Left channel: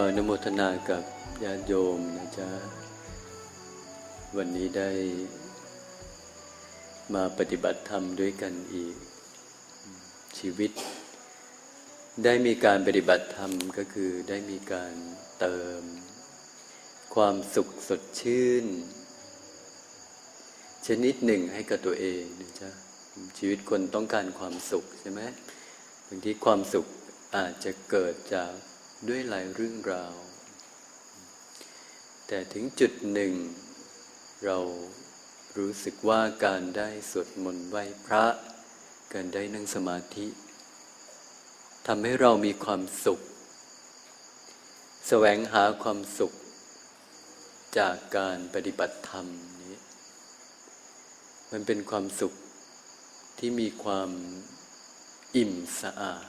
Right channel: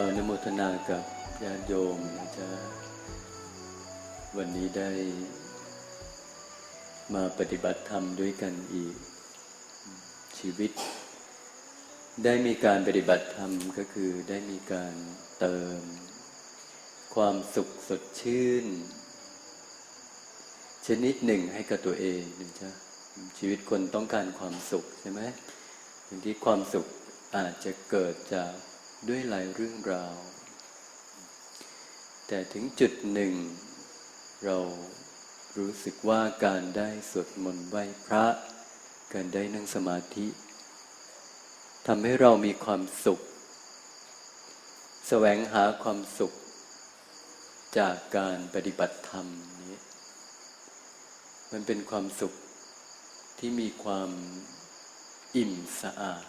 อนโมทนากับญาติโยมนะจ๊ะ วันนี้ได้ มาปฏิบัติธรรมด้วยกันอีก ชีวิต ได้มีการปฏิบัติธรรมก็คือได้มีการเติม ความสุขสดชื่น ชนิดหนึ่งให้กับตัวเองนะจ๊ะ ชีวิตคนต้องการความสุขใช่ไหมบางทีความสุขอาจจะเกิดจาก ด้วยหลายเรื่องราว แต่ถึงจุดหนึ่ง เรารู้สึกว่าการได้สวดมนต์ไหว้พระ การได้นั่งสมาธิทำให้เรามีความสุข แสวงหาความสุข จากการปฏิบัติธรรมนี้ มันเป็นความสุขที่มีความอิ่มสะอาด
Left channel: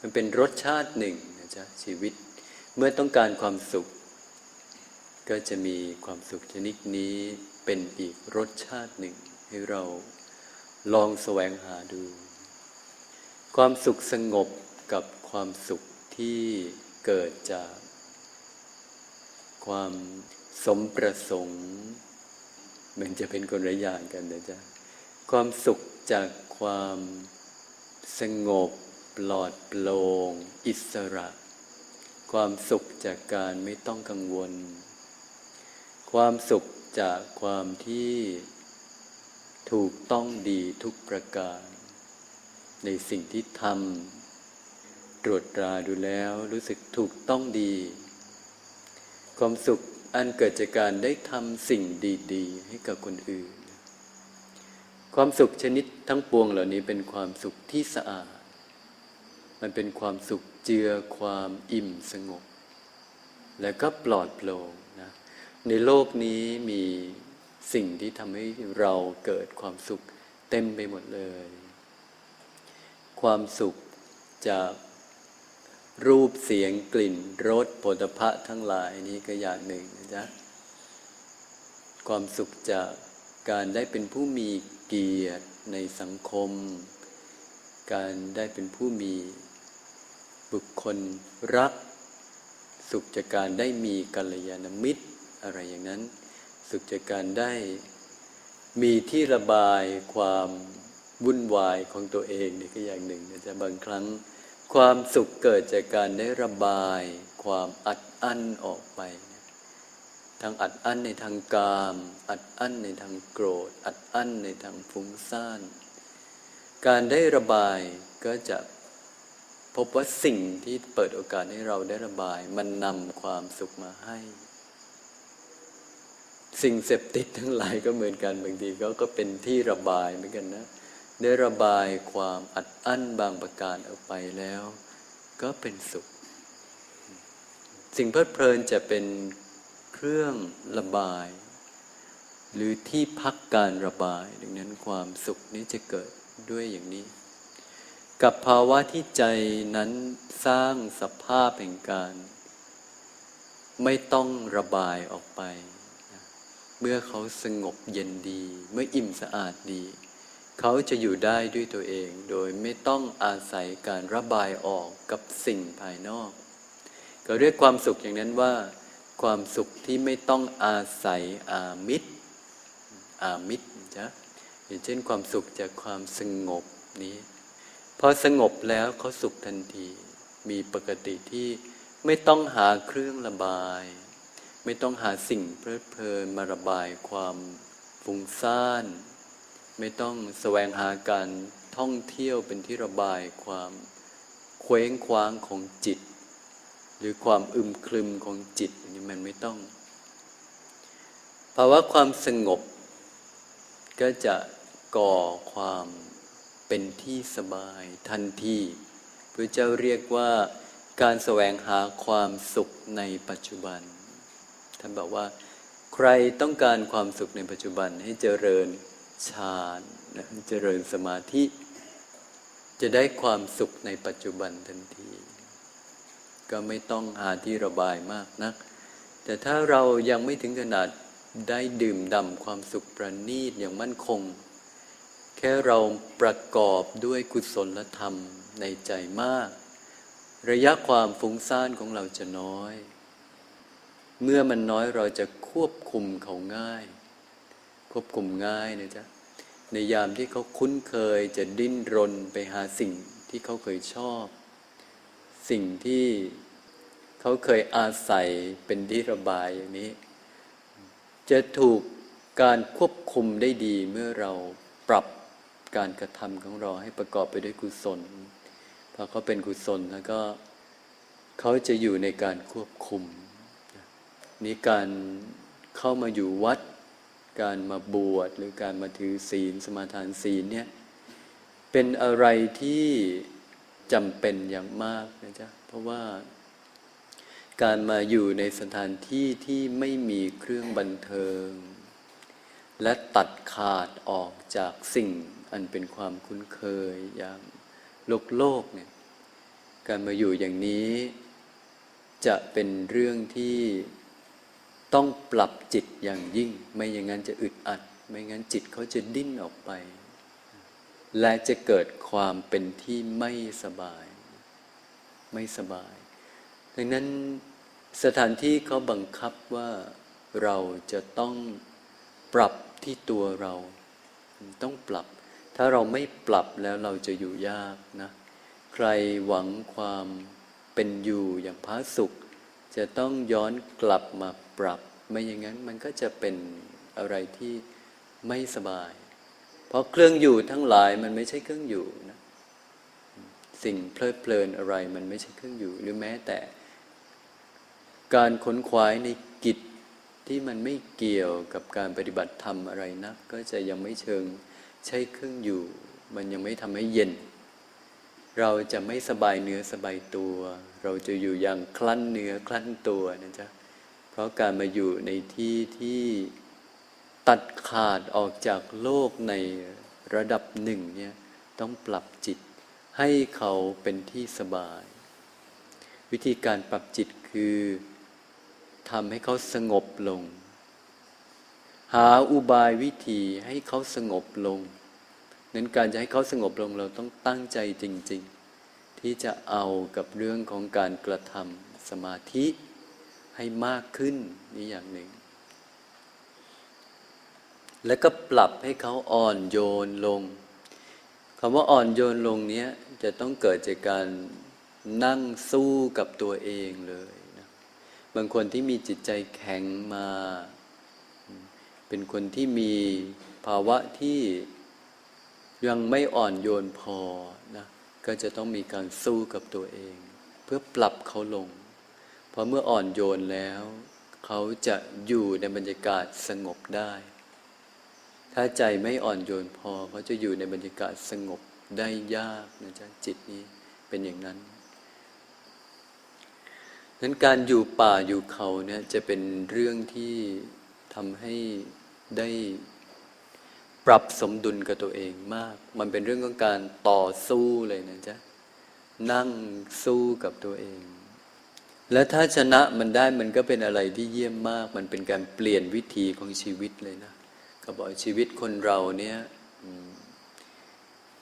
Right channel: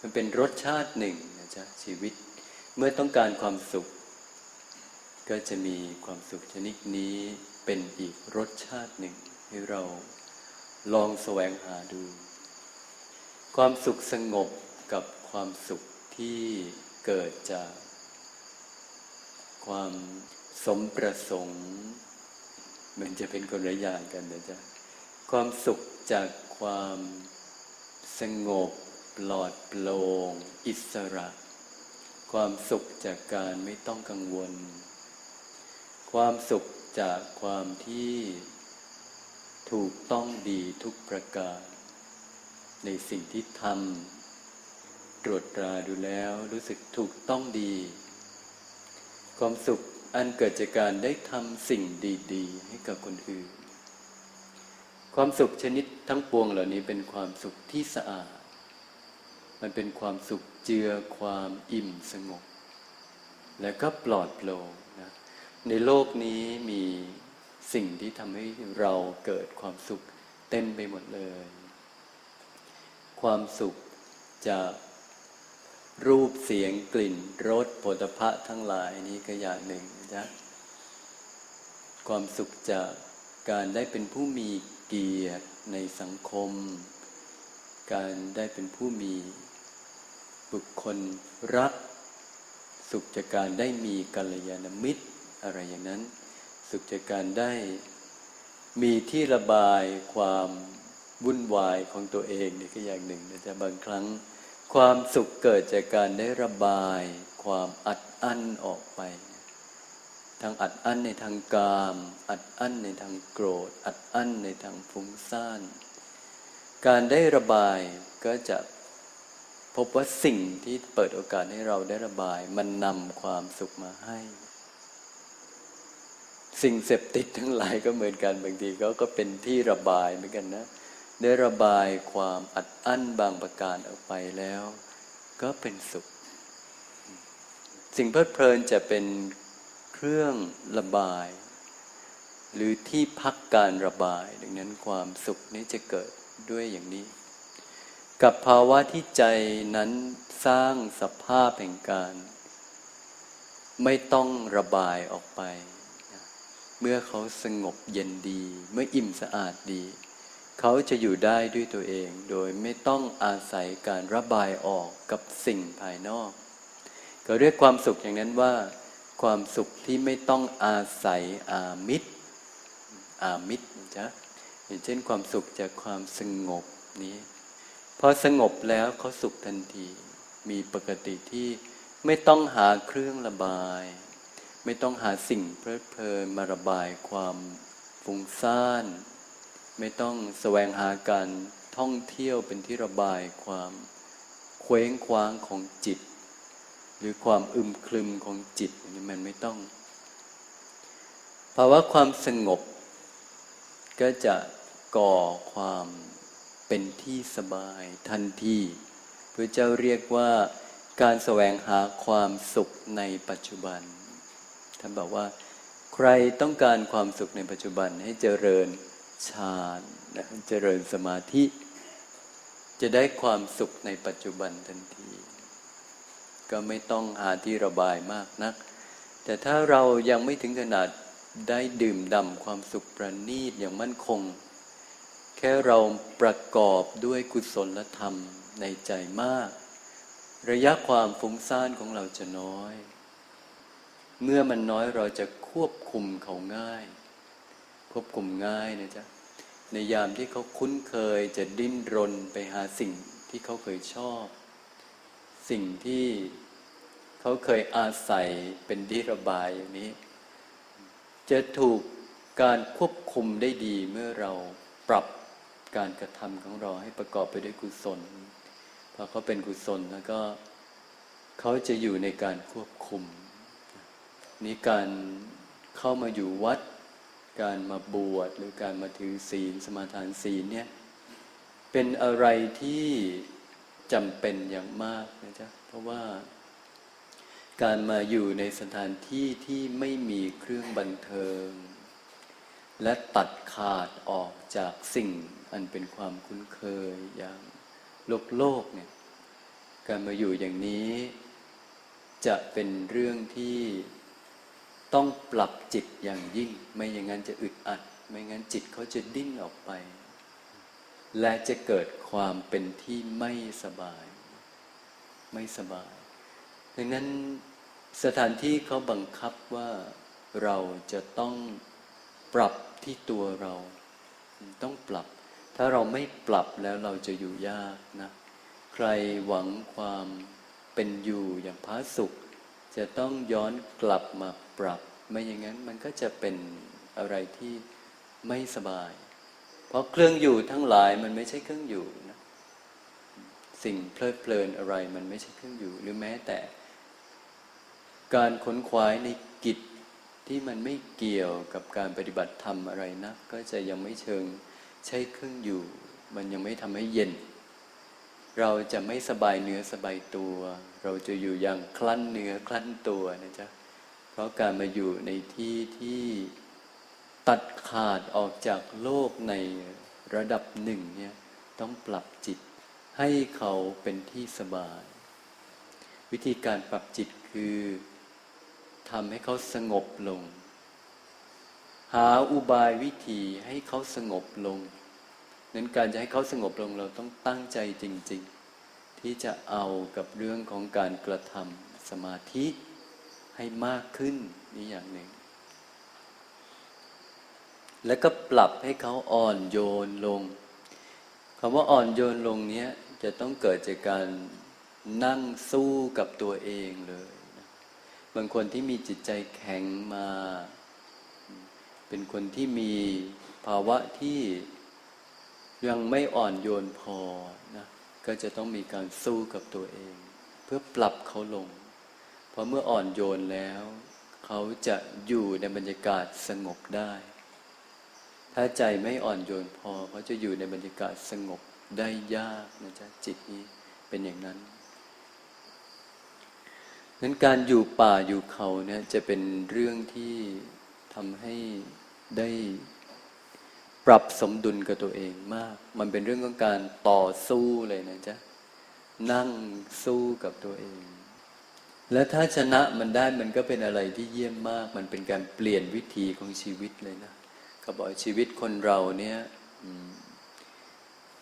มันเป็นรสชาติหนึ่ง นะจ๊ะชีวิต เมื่อต้องการความสุข ก็จะมีความสุขชนิดนี้เป็นอีกรสชาติหนึ่งให้เราลองแสวงหาดู ความสุขสงบกับความสุขที่เกิดจาก ความสมประสงค์ มันจะเป็นคนละอย่างกันนะจ๊ะความสุขจากความสงบ ปลอดโปร่งอิสระ ความสุขจากการไม่ต้องกังวล ความสุขจากความที่ถูกต้องดีทุกประการ ในสิ่งที่ทำตรวจตราดูแล้วรู้สึกถูกต้องดี ความสุขอันเกิดจากการได้ทำสิ่งดีๆ ให้กับคนอื่น ความสุขชนิดทั้งปวงเหล่านี้เป็นความสุขที่สะอาด มันเป็นความสุขเจือความอิ่มสงบ และก็ปลอดโปร่งนะในโลกนี้มีสิ่งที่ทำให้เราเกิดความสุขเต็มไปหมดเลย ความสุขจากรูปเสียงกลิ่นรสโผฏฐะทั้งหลายนี้ก็อย่างหนึ่งนะจ๊ะความสุขจากการได้เป็นผู้มีเกียรติในสังคม การได้เป็นผู้มี บุคคลรัก สุขจากการได้มีกัลยาณมิตร อะไรอย่างนั้น สุขจากการได้ มีที่ระบายความวุ่นวายของตัวเองนี่ก็อย่างหนึ่งนะจ๊ะบางครั้ง ความสุขเกิดจากการได้ระบาย ความอัดอั้นออกไปทั้งอัดอั้นในทางกาม อัดอั้นในทางโกรธ อัดอั้นในทางฟุ้งซ่าน การได้ระบายก็จะ พบว่าสิ่งที่เปิดโอกาสให้เราได้ระบาย มันนำความสุขมาให้ สิ่งเสพติดทั้งหลายก็เหมือนกันบางทีเขาก็เป็นที่ระบายเหมือนกันนะ ได้ระบายความอัดอั้นบางประการออกไปแล้ว ก็เป็นสุข สิ่งเพลิดเพลินจะเป็นเครื่องระบาย หรือที่พักการระบาย ดังนั้นความสุขนี้จะเกิดด้วยอย่างนี้ กับภาวะที่ใจนั้นสร้างสภาพแห่งการ ไม่ต้องระบายออกไปนะเมื่อเขาสงบเย็นดี เมื่ออิ่มสะอาดดี เขาจะอยู่ได้ด้วยตัวเองโดยไม่ต้องอาศัยการระบายออกกับสิ่งภายนอก ก็เรียกความสุขอย่างนั้นว่า ความสุขที่ไม่ต้องอาศัยอามิตร อามิตรจ้ะอย่างเช่นความสุขจากความสงบนี้ พอสงบแล้วเขาสุขทันที มีปกติที่ไม่ต้องหาเครื่องระบาย ไม่ต้องหาสิ่งเพลิดเพลินมาระบายความฟุ้งซ่าน ไม่ต้องแสวงหาการท่องเที่ยวเป็นที่ระบายความเคว้งคว้างของจิต หรือความอึมครึมของจิตนนี้มันไม่ต้องภาวะความสงบก็จะก่อความ เป็นที่สบายทันทีพระเจ้าเรียกว่าการแสวงหาความสุขในปัจจุบัน ท่านบอกว่า ใครต้องการความสุขในปัจจุบันให้เจริญฌานนะเจริญสมาธิ จะได้ความสุขในปัจจุบันทันที ก็ไม่ต้องหาที่ระบายมากนัก แต่ถ้าเรายังไม่ถึงขนาดได้ดื่มด่ำความสุขประณีตอย่างมั่นคง แค่เราประกอบด้วยกุศลธรรมในใจมาก ระยะความฟุ้งซ่านของเราจะน้อย เมื่อมันน้อยเราจะควบคุมเขาง่าย ควบคุมง่ายนะจ๊ะในยามที่เขาคุ้นเคยจะดิ้นรนไปหาสิ่งที่เขาเคยชอบ สิ่งที่เขาเคยอาศัยเป็นที่ระบายอย่างนี้ จะถูกการควบคุมได้ดีเมื่อเราปรับ การกระทำของเราให้ประกอบไปด้วยกุศลพอเขาเป็นกุศลแล้วก็เขาจะอยู่ในการควบคุมนี่การเข้ามาอยู่วัด การมาบวชหรือการมาถือศีลสมาทานศีลเนี่ยเป็นอะไรที่จำเป็นอย่างมากนะจ๊ะเพราะว่าการมาอยู่ในสถานที่ที่ไม่มีเครื่องบันเทิง และตัดขาดออกจากสิ่ง อันเป็นความคุ้นเคยอย่างโลกโลกเนี่ยการมาอยู่อย่างนี้ จะเป็นเรื่องที่ต้องปรับจิตอย่างยิ่ง ไม่อย่างนั้นจะอึดอัด ไม่งั้นจิตเขาจะดิ้นออกไป และจะเกิดความเป็นที่ไม่สบาย ไม่สบาย ดังนั้นสถานที่เขาบังคับว่าเราจะต้องปรับที่ตัวเรา ต้องปรับ ถ้าเราไม่ปรับแล้วเราจะอยู่ยากนะ ใครหวังความเป็นอยู่อย่างพระสุข จะต้องย้อนกลับมาปรับ ไม่อย่างนั้นมันก็จะเป็นอะไรที่ไม่สบาย เพราะเครื่องอยู่ทั้งหลายมันไม่ใช่เครื่องอยู่นะสิ่งเพลิดเพลินอะไรมันไม่ใช่เครื่องอยู่ หรือแม้แต่ การขนขวายในกิจที่มันไม่เกี่ยวกับการปฏิบัติธรรมอะไรนะ ก็จะยังไม่เชิง ใช้เครื่องอยู่ มันยังไม่ทำให้เย็น เราจะไม่สบายเนื้อสบายตัว เราจะอยู่อย่างคลั่นเนื้อคลั่นตัวนะจ๊ะเพราะการมาอยู่ในที่ที่ตัดขาดออกจากโลกในระดับหนึ่งเนี่ยต้องปรับจิต ให้เขาเป็นที่สบาย วิธีการปรับจิตคือทำให้เขาสงบลง หาอุบายวิธีให้เขาสงบลง นั้นการจะให้เขาสงบลงเราต้องตั้งใจจริง ๆ ที่จะเอากับเรื่องของการกระทำสมาธิให้มากขึ้นนี่อย่างหนึ่ง แล้วก็ปรับให้เขาอ่อนโยนลงคำว่าอ่อนโยนลงเนี้ยจะต้องเกิดจากการนั่งสู้กับตัวเองเลยนะบางคนที่มีจิตใจแข็งมา เป็นคนที่มีภาวะที่ยังไม่อ่อนโยนพอนะก็จะต้องมีการสู้กับตัวเอง เพื่อปรับเขาลง เพราะเมื่ออ่อนโยนแล้ว เขาจะอยู่ในบรรยากาศสงบได้ ถ้าใจไม่อ่อนโยนพอเขาจะอยู่ในบรรยากาศสงบได้ยากนะจ๊ะจิตนี้เป็นอย่างนั้นนั้นการอยู่ป่าอยู่เขาเนี่ยจะเป็นเรื่องที่ทำให้ ได้ปรับสมดุลกับตัวเองมาก มันเป็นเรื่องของการต่อสู้เลยนะจ๊ะ นั่งสู้กับตัวเอง และถ้าชนะมันได้มันก็เป็นอะไรที่เยี่ยมมาก มันเป็นการเปลี่ยนวิธีของชีวิตเลยนะเขาบอกชีวิตคนเราเนี่ย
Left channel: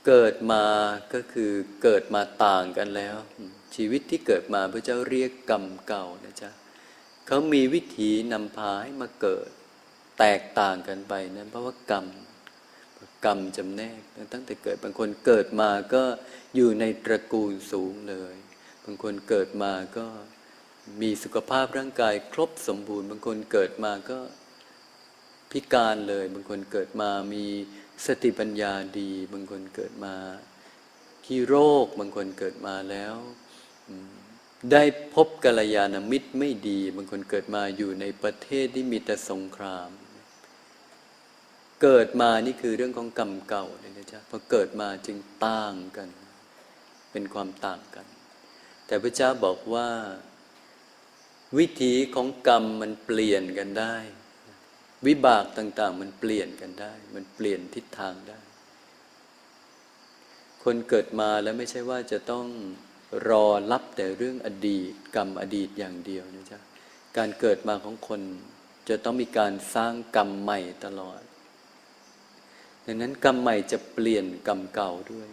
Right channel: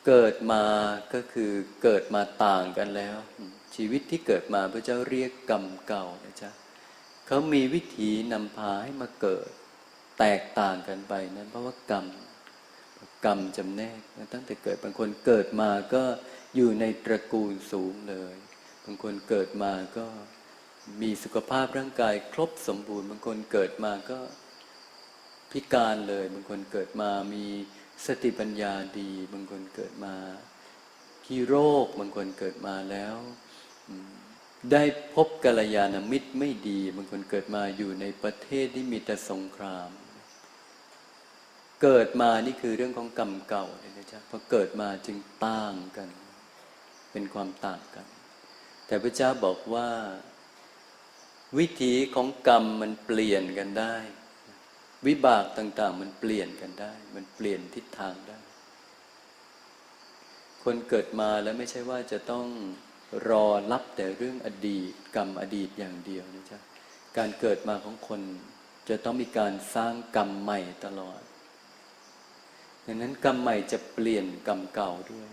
เกิดมาก็คือเกิดมาต่างกันแล้ว ชีวิตที่เกิดมาพระเจ้าเรียกกรรมเก่านะจ๊ะเขามีวิธีนำพาให้มาเกิด แตกต่างกันไปนั้นเพราะว่ากรรมกรรมจำแนกตั้งแต่เกิดบางคนเกิดมาก็อยู่ในตระกูลสูงเลย บางคนเกิดมาก็มีสุขภาพร่างกายครบสมบูรณ์ บางคนเกิดมาก็พิการเลย บางคนเกิดมามีสติปัญญาดี บางคนเกิดมาขี้โรค บางคนเกิดมาแล้วได้พบกัลยาณมิตรไม่ดี บางคนเกิดมาอยู่ในประเทศที่มีแต่สงคราม เกิดมานี่คือเรื่องของกรรมเก่าเลยนะจ๊ะพอเกิดมาจึงต่างกัน เป็นความต่างกัน แต่พระเจ้าบอกว่า วิถีของกรรมมันเปลี่ยนกันได้ วิบากต่าง ๆ มันเปลี่ยนกันได้ มันเปลี่ยนทิศทางได้ คนเกิดมาแล้วไม่ใช่ว่าจะต้องรอรับแต่เรื่องอดีต กรรมอดีตอย่างเดียวนะจ๊ะการเกิดมาของคนจะต้องมีการสร้างกรรมใหม่ตลอด ดังนั้นกรรมใหม่จะเปลี่ยนกรรมเก่าด้วย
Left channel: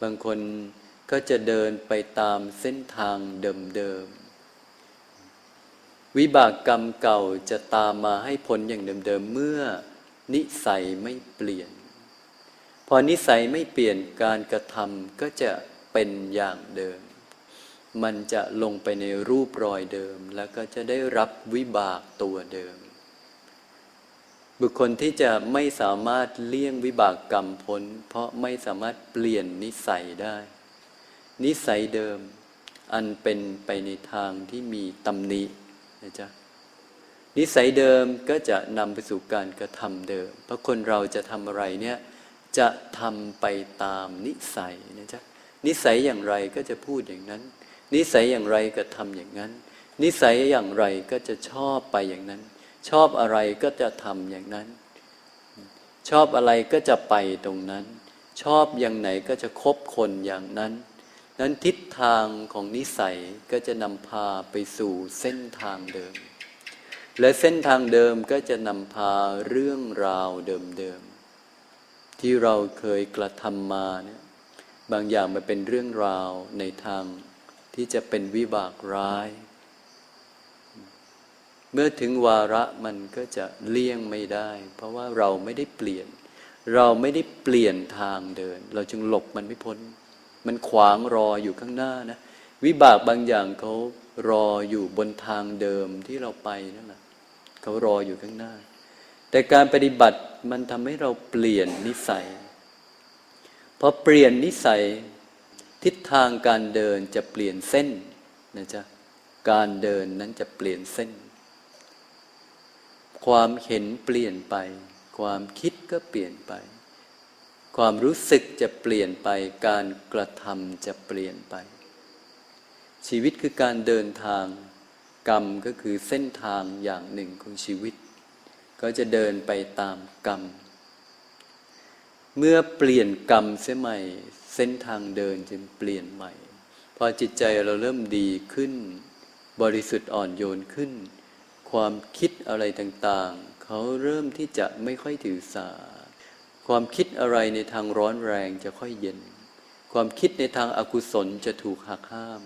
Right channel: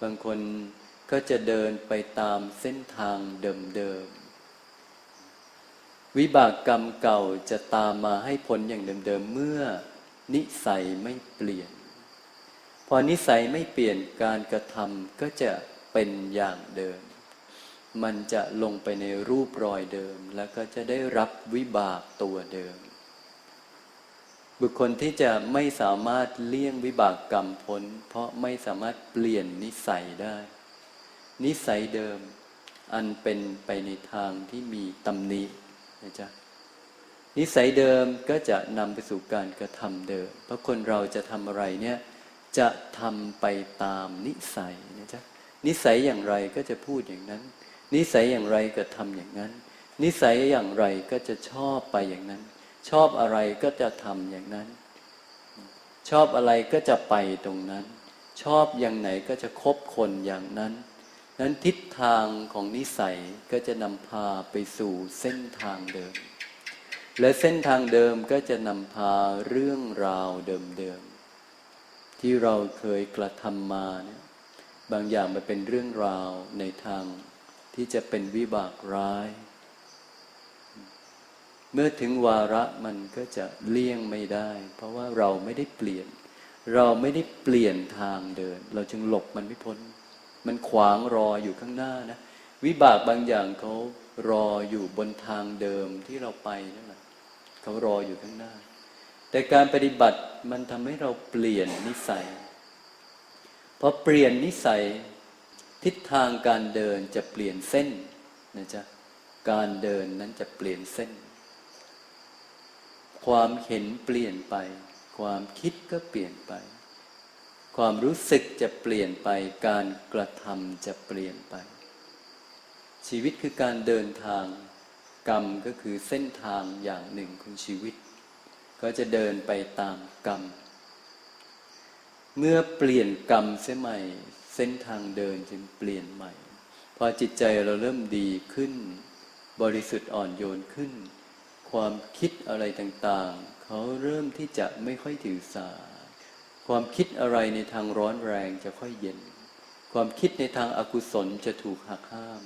บางคนก็จะเดินไปตามเส้นทางเดิมๆ วิบากกรรมเก่าจะตามมาให้ผลอย่างเดิมๆ เมื่อนิสัยไม่เปลี่ยน พอนิสัยไม่เปลี่ยนการกระทำก็จะเป็นอย่างเดิม มันจะลงไปในรูปรอยเดิม แล้วก็จะได้รับวิบากตัวเดิม บุคคลที่จะไม่สามารถเลี่ยงวิบากกรรมพ้น เพราะไม่สามารถเปลี่ยนนิสัยได้ นิสัยเดิม อันเป็นไปในทางที่มีตำหนินะจ๊ะนิสัยเดิมก็จะนำไปสู่การกระทำเดิม เพราะคนเราจะทำอะไรเนี่ยจะทำไปตามนิสัยนะจ๊ะนิสัยอย่างไรก็จะพูดอย่างนั้น นิสัยอย่างไรก็ทำอย่างนั้น นิสัยอย่างไรก็จะชอบไปอย่างนั้น ชอบอะไรก็จะทำอย่างนั้น ชอบอะไรก็จะไปตรงนั้น ชอบอย่างไหนก็จะคบคนอย่างนั้น นั้นทิศทางของนิสัยก็จะนำพาไปสู่เส้นทางเดิม และเส้นทางเดิมก็จะนำพาเรื่องราวเดิมๆที่เราเคยกระทำมาเนี่ยบางอย่างมันเป็นเรื่องราวในทางที่จะเป็นวิบากร้าย เมื่อถึงวาระมันก็จะเลี่ยงไม่ได้ เพราะว่าเราไม่ได้เปลี่ยน เราไม่ได้เปลี่ยนทางเดิน เราจึงหลบมันไม่พ้น มันขวางรออยู่ข้างหน้านะ วิบากบางอย่างเขารออยู่บนทางเดิมที่เราไปนั่นแหละเขารออยู่ข้างหน้า แต่การปฏิบัติมันทำให้เราเปลี่ยนนิสัยพอเปลี่ยนนิสัยทิศทางการเดินจะเปลี่ยนเส้นนะจ๊ะการเดินนั้นจะเปลี่ยนเส้น ความเห็นเปลี่ยนไป ความคิดก็เปลี่ยนไป ความรู้สึกจะเปลี่ยนไป การกระทำจะเปลี่ยนไป ชีวิตคือการเดินทาง กรรมก็คือเส้นทางอย่างหนึ่งของชีวิต ก็จะเดินไปตามกรรม เมื่อเปลี่ยนกรรมเสียใหม่ เส้นทางเดินจึงเปลี่ยนใหม่ พอจิตใจเราเริ่มดีขึ้น บริสุทธิ์อ่อนโยนขึ้น ความคิดอะไรต่างๆ เขาเริ่มที่จะไม่ค่อยถือสา ความคิดอะไรในทางร้อนแรงจะค่อยเย็น ความคิดในทางอากุศลจะถูกหักห้าม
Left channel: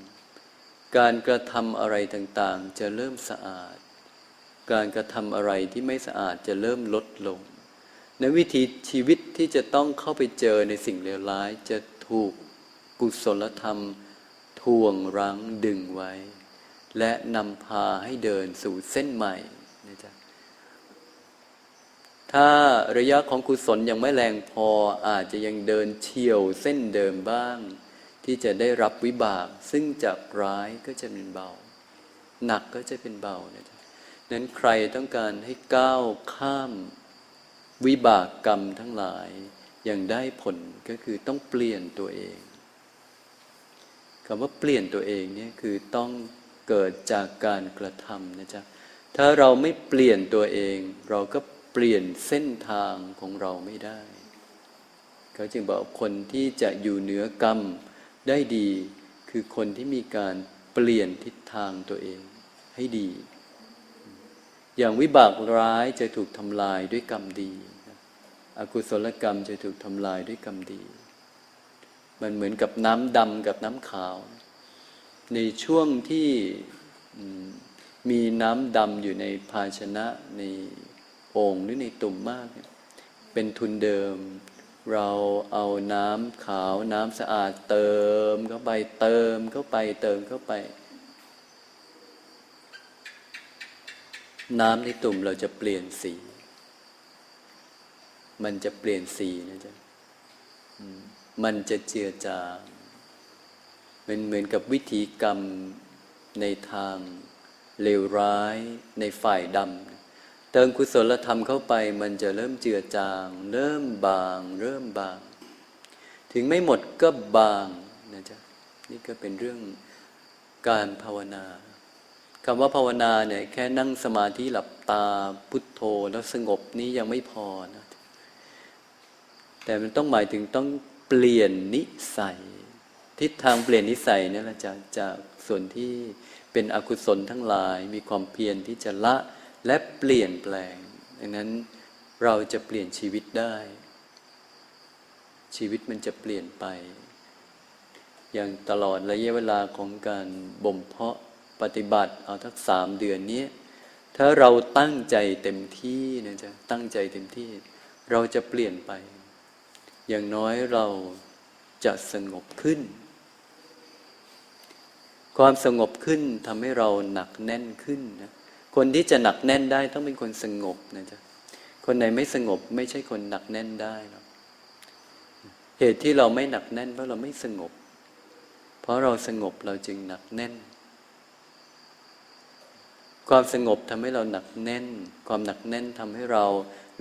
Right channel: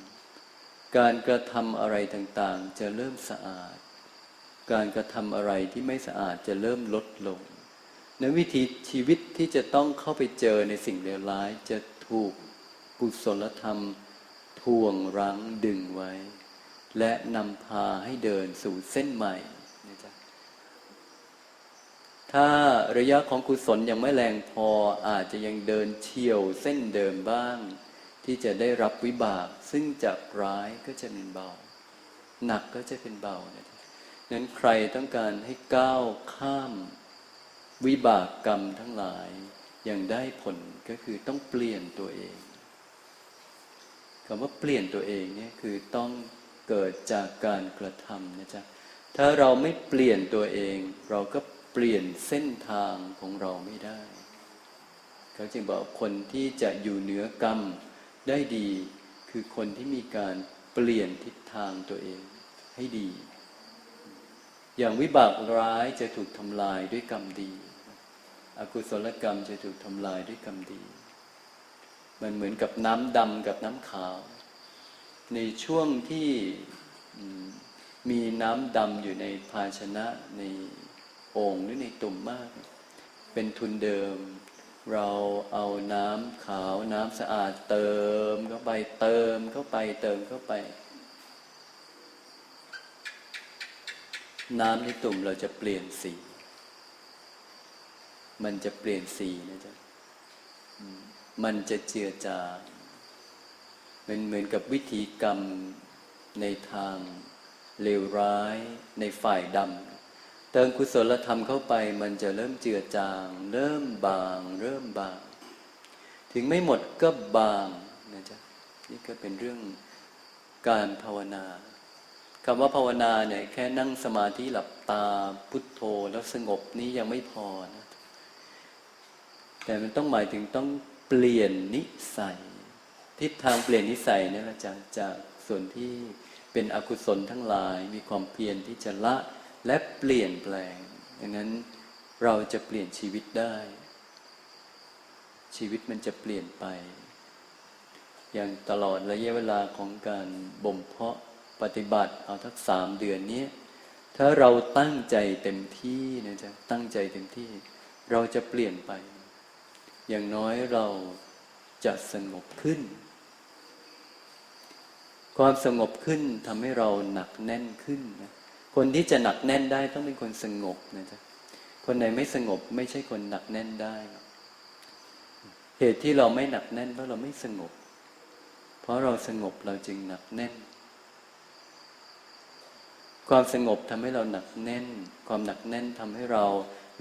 การกระทำอะไรต่างๆ จะเริ่มสะอาด การกระทำอะไรที่ไม่สะอาดจะเริ่มลดลง ในวิธีชีวิตที่จะต้องเข้าไปเจอในสิ่งเลวร้ายจะถูกกุศลธรรม ทวงรั้งดึงไว้ และนำพาให้เดินสู่เส้นใหม่นะจ๊ะถ้าระยะของกุศลยังไม่แรงพออาจจะยังเดินเฉียวเส้นเดิมบ้าง ที่จะได้รับวิบาก ซึ่งจากร้ายก็จะเป็นเบา หนักก็จะเป็นเบานะจ๊ะนั้นใครต้องการให้ก้าวข้าม วิบากกรรมทั้งหลายอย่างได้ผลก็คือต้องเปลี่ยนตัวเองคำว่าเปลี่ยนตัวเองเนี่ยคือต้อง เกิดจากการกระทำนะจ๊ะถ้าเราไม่เปลี่ยนตัวเอง เราก็เปลี่ยนเส้นทางของเราไม่ได้ เขาจึงบอกคนที่จะอยู่เหนือกรรมได้ดี คือคนที่มีการเปลี่ยนทิศทางตัวเองให้ดี อย่างวิบากร้ายจะถูกทำลายด้วยกรรมดี อกุศลกรรมจะถูกทำลายด้วยกรรมดี มันเหมือนกับน้ำดำกับน้ำขาว ในช่วงที่มีน้ำดำอยู่ในภาชนะในโอ่งหรือในตุ่มมาก เป็นทุนเดิม เราเอาน้ำขาวน้ำสะอาดเติมเข้าไปเติมเข้าไปเติมเข้าไป น้ำในตุ่มเราจะเปลี่ยนสี มันจะเปลี่ยนสีนะจ๊ะมันจะเจือจาง มันเหมือนกับวิธีกรรมในทางเลวร้ายในฝ่ายดำเติมกุศลธรรมเข้าไปมันจะเริ่มเจือจาง เริ่มบาง เริ่มบาง ถึงไม่หมดก็บางนะจ๊ะนี่ก็เป็นเรื่องการภาวนาคำว่าภาวนาเนี่ยแค่นั่งสมาธิหลับตาพุทโธแล้วสงบนี้ยังไม่พอนะแต่มันต้องหมายถึงต้องเปลี่ยนนิสัย ทิศทางเปลี่ยนนิสัยนี่แหละจากจากส่วนที่เป็นอกุศลทั้งหลายมีความเพียรที่จะละและเปลี่ยนแปลงดังนั้นเราจะเปลี่ยนชีวิตได้ ชีวิตมันจะเปลี่ยนไป อย่างตลอดระยะเวลาของการบ่มเพาะปฏิบัติเอาทักสามเดือนเนี้ยถ้าเราตั้งใจเต็มที่นะจ๊ะตั้งใจเต็มที่ เราจะเปลี่ยนไป อย่างน้อยเราจะสงบขึ้น ความสงบขึ้นทำให้เราหนักแน่นขึ้นนะคนที่จะหนักแน่นได้ต้องเป็นคนสงบนะจ๊ะคนไหนไม่สงบไม่ใช่คนหนักแน่นได้หรอกเหตุที่เราไม่หนักแน่นเพราะเราไม่สงบ เพราะเราสงบเราจึงหนักแน่น ความสงบทำให้เราหนักแน่น ความหนักแน่นทำให้เรา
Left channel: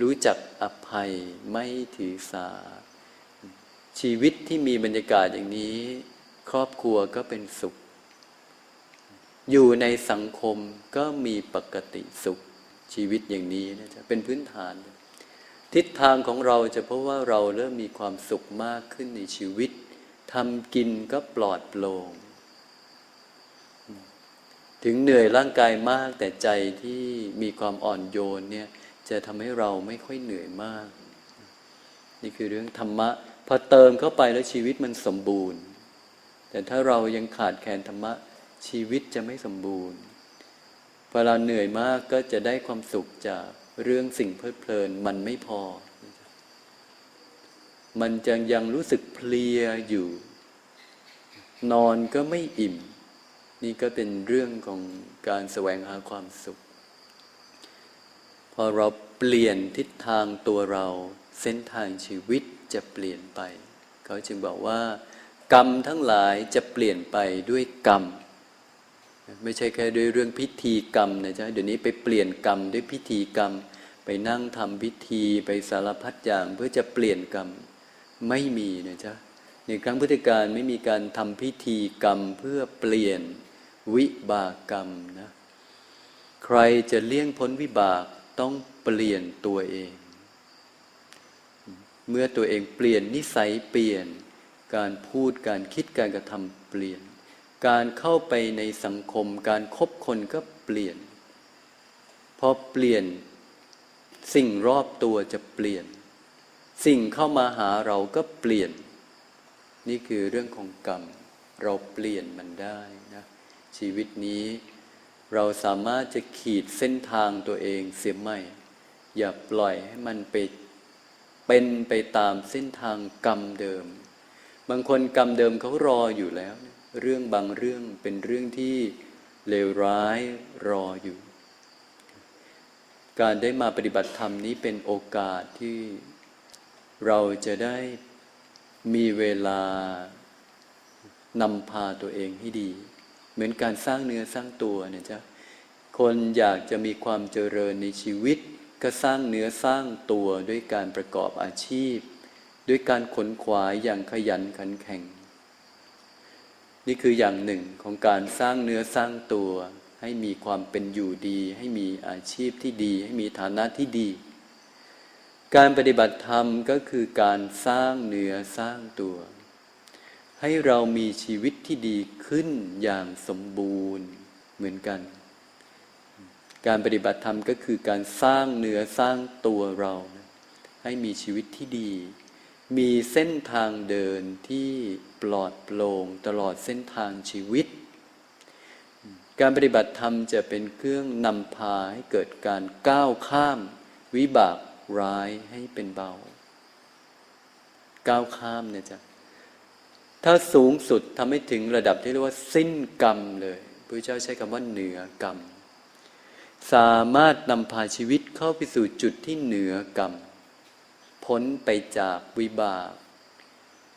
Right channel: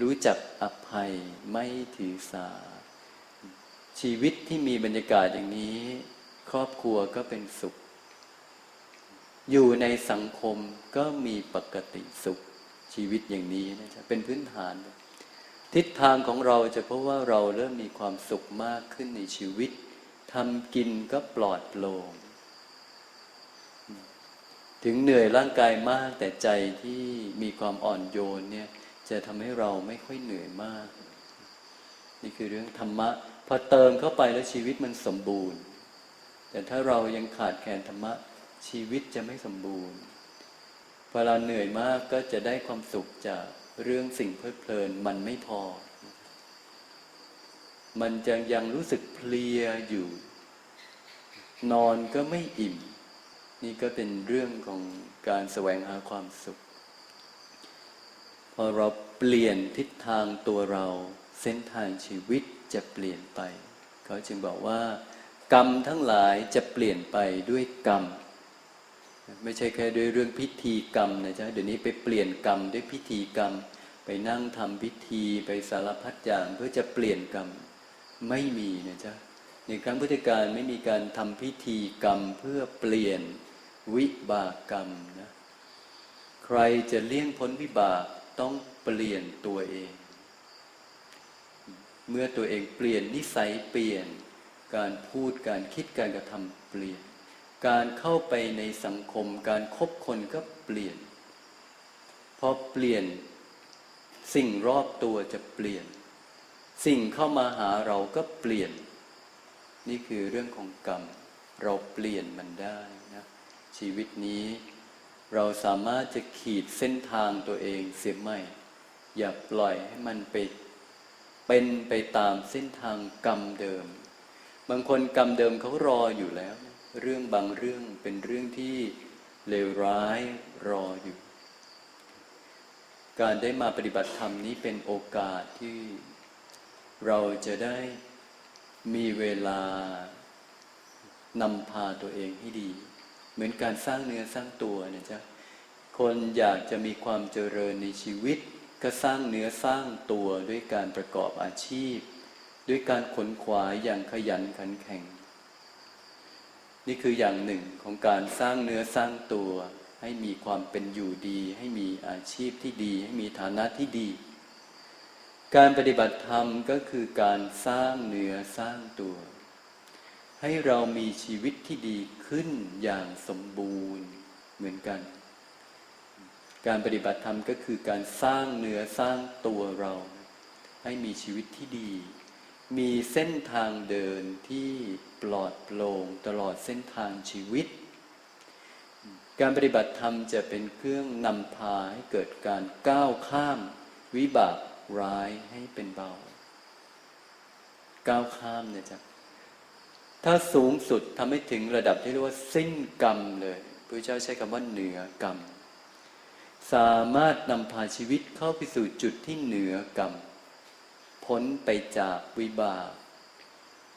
รู้จักอภัยไม่ถือสา ชีวิตที่มีบรรยากาศอย่างนี้ ครอบครัวก็เป็นสุข อยู่ในสังคมก็มีปกติสุขชีวิตอย่างนี้นะจ๊ะเป็นพื้นฐาน ทิศทางของเราจะเพราะว่าเราเริ่มมีความสุขมากขึ้นในชีวิตทำกินก็ปลอดโปร่งถึงเหนื่อยร่างกายมากแต่ใจที่มีความอ่อนโยนเนี่ยจะทำให้เราไม่ค่อยเหนื่อยมาก นี่คือเรื่องธรรมะพอเติมเข้าไปแล้วชีวิตมันสมบูรณ์ แต่ถ้าเรายังขาดแคลนธรรมะ ชีวิตจะไม่สมบูรณ์พอเราเหนื่อยมากก็จะได้ความสุขจากเรื่องสิ่งเพลิดเพลินมันไม่พอ มันจะยังรู้สึกเพลียอยู่ นอนก็ไม่อิ่ม นี่ก็เป็นเรื่องของการแสวงหาความสุข พอเราเปลี่ยนทิศทางตัวเราเส้นทางชีวิตจะเปลี่ยนไป เขาจึงบอกว่า กรรมทั้งหลายจะเปลี่ยนไปด้วยกรรม ไม่ใช่แค่ด้วยเรื่องพิธีกรรมนะจ๊ะเดี๋ยวนี้ไปเปลี่ยนกรรมด้วยพิธีกรรม ไปนั่งทำพิธีไปสารพัดอย่างเพื่อจะเปลี่ยนกรรมไม่มีนะจ๊ะในครั้งพุทธกาลไม่มีการทำพิธีกรรมเพื่อเปลี่ยนวิบากกรรมนะใครจะเลี่ยงพ้นวิบากต้องเปลี่ยนตัวเอง เมื่อตัวเองเปลี่ยนนิสัยเปลี่ยน การพูดการคิดการกระทำเปลี่ยน การเข้าไปในสังคม การคบคนก็เปลี่ยน พอเปลี่ยน สิ่งรอบตัวจะเปลี่ยน สิ่งเข้ามาหาเราก็เปลี่ยน นี่คือเรื่องของกรรม เราเปลี่ยนมันได้นะชีวิตนี้เราสามารถจะขีดเส้นทางตัวเองเสียไม่ อย่าปล่อยให้มันไปเป็นไปตามเส้นทางกรรมเดิม บางคนกรรมเดิมเขารออยู่แล้ว เรื่องบางเรื่องเป็นเรื่องที่เลวร้ายรออยู่ การได้มาปฏิบัติธรรมนี้เป็นโอกาสที่เราจะได้มีเวลานำพาตัวเองให้ดี เหมือนการสร้างเนื้อสร้างตัวนี่ยจ้ะคนอยากจะมีความเจริญในชีวิต ก็สร้างเนื้อสร้างตัวด้วยการประกอบอาชีพ ด้วยการขนขวายอย่างขยันขันแข็ง นี่คืออย่างหนึ่งของการสร้างเนื้อสร้างตัว ให้มีความเป็นอยู่ดี ให้มีอาชีพที่ดี ให้มีฐานะที่ดี การปฏิบัติธรรมก็คือการสร้างเนื้อสร้างตัว ให้เรามีชีวิตที่ดีขึ้นอย่างสมบูรณ์เหมือนกัน การปฏิบัติธรรมก็คือการสร้างเนื้อสร้างตัวเรา ให้มีชีวิตที่ดี มีเส้นทางเดินที่ ปลอดโปร่งตลอดเส้นทางชีวิต การปฏิบัติธรรมจะเป็นเครื่องนำพาให้เกิดการก้าวข้าม วิบากร้ายให้เป็นเบา ก้าวข้ามเนี่ยจ้ะถ้าสูงสุดทำให้ถึงระดับที่เรียกว่าสิ้นกรรมเลยพระเจ้าใช้คำว่าเหนือกรรม สามารถนำพาชีวิตเข้าไปสู่จุดที่เหนือกรรม พ้นไปจากวิบาก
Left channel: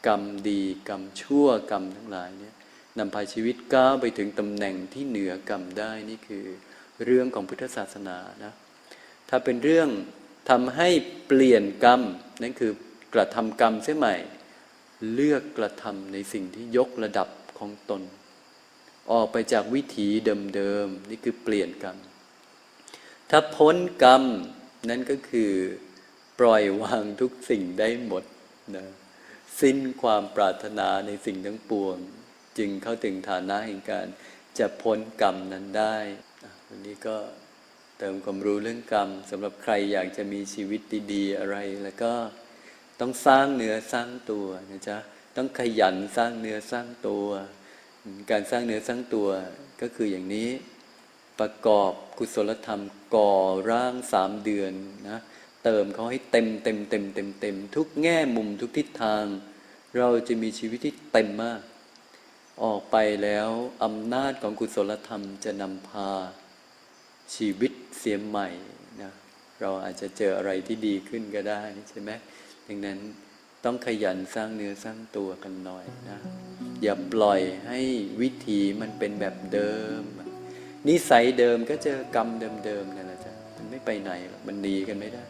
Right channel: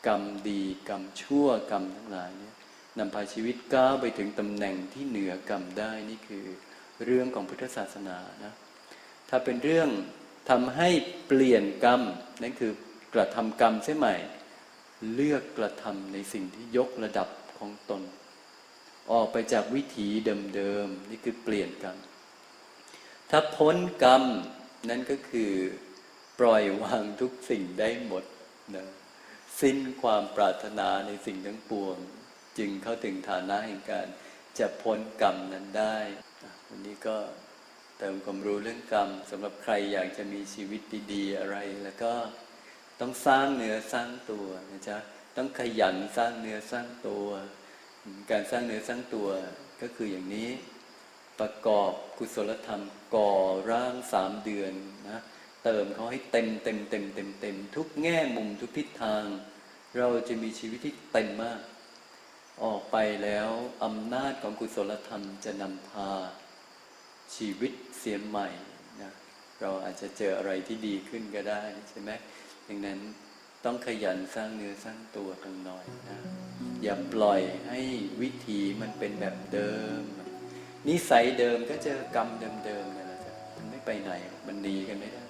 กรรมดีกรรมชั่วกรรมทั้งหลายเนี่ยนำพาชีวิตก้าวไปถึงตำแหน่งที่เหนือกรรมได้นี่คือเรื่องของพุทธศาสนานะถ้าเป็นเรื่องทำให้เปลี่ยนกรรมนั่นคือกระทำกรรมเสียใหม่ เลือกกระทำในสิ่งที่ยกระดับของตน ออกไปจากวิถีเดิมๆนี่คือเปลี่ยนกรรม ถ้าพ้นกรรมนั่นก็คือปล่อยวางทุกสิ่งได้หมดนะ สิ้นความปรารถนาในสิ่งทั้งปวง จึงเข้าถึงฐานะแห่งการจะพ้นกรรมนั้นได้วันนี้ก็เติมความรู้เรื่องกรรมสำหรับใครอยากจะมีชีวิตดีๆ อะไร แล้วก็ต้องสร้างเนื้อสร้างตัวนะจ๊ะต้องขยันสร้างเนื้อสร้างตัว การสร้างเนื้อสร้างตัวก็คืออย่างนี้ประกอบกุศลธรรมก่อร่างสามเดือนนะ เติมเขาให้เต็มเต็มเต็มเต็มเต็มทุกแง่มุมทุกทิศทาง เราจะมีชีวิตที่เต็มมาก ออกไปแล้วอำนาจของกุศลธรรมจะนำพาชีวิตเสียใหม่นะเราอาจจะเจออะไรที่ดีขึ้นก็ได้ใช่ไหมดังนั้นต้องขยันสร้างเนื้อสร้างตัวกันหน่อยนะอย่าปล่อยให้วิถีมันเป็นแบบเดิม นิสัยเดิมก็เจอกรรมเดิมๆนั่นแหละจ้ะมันไม่ไปไหนมันหนีกันไม่ได้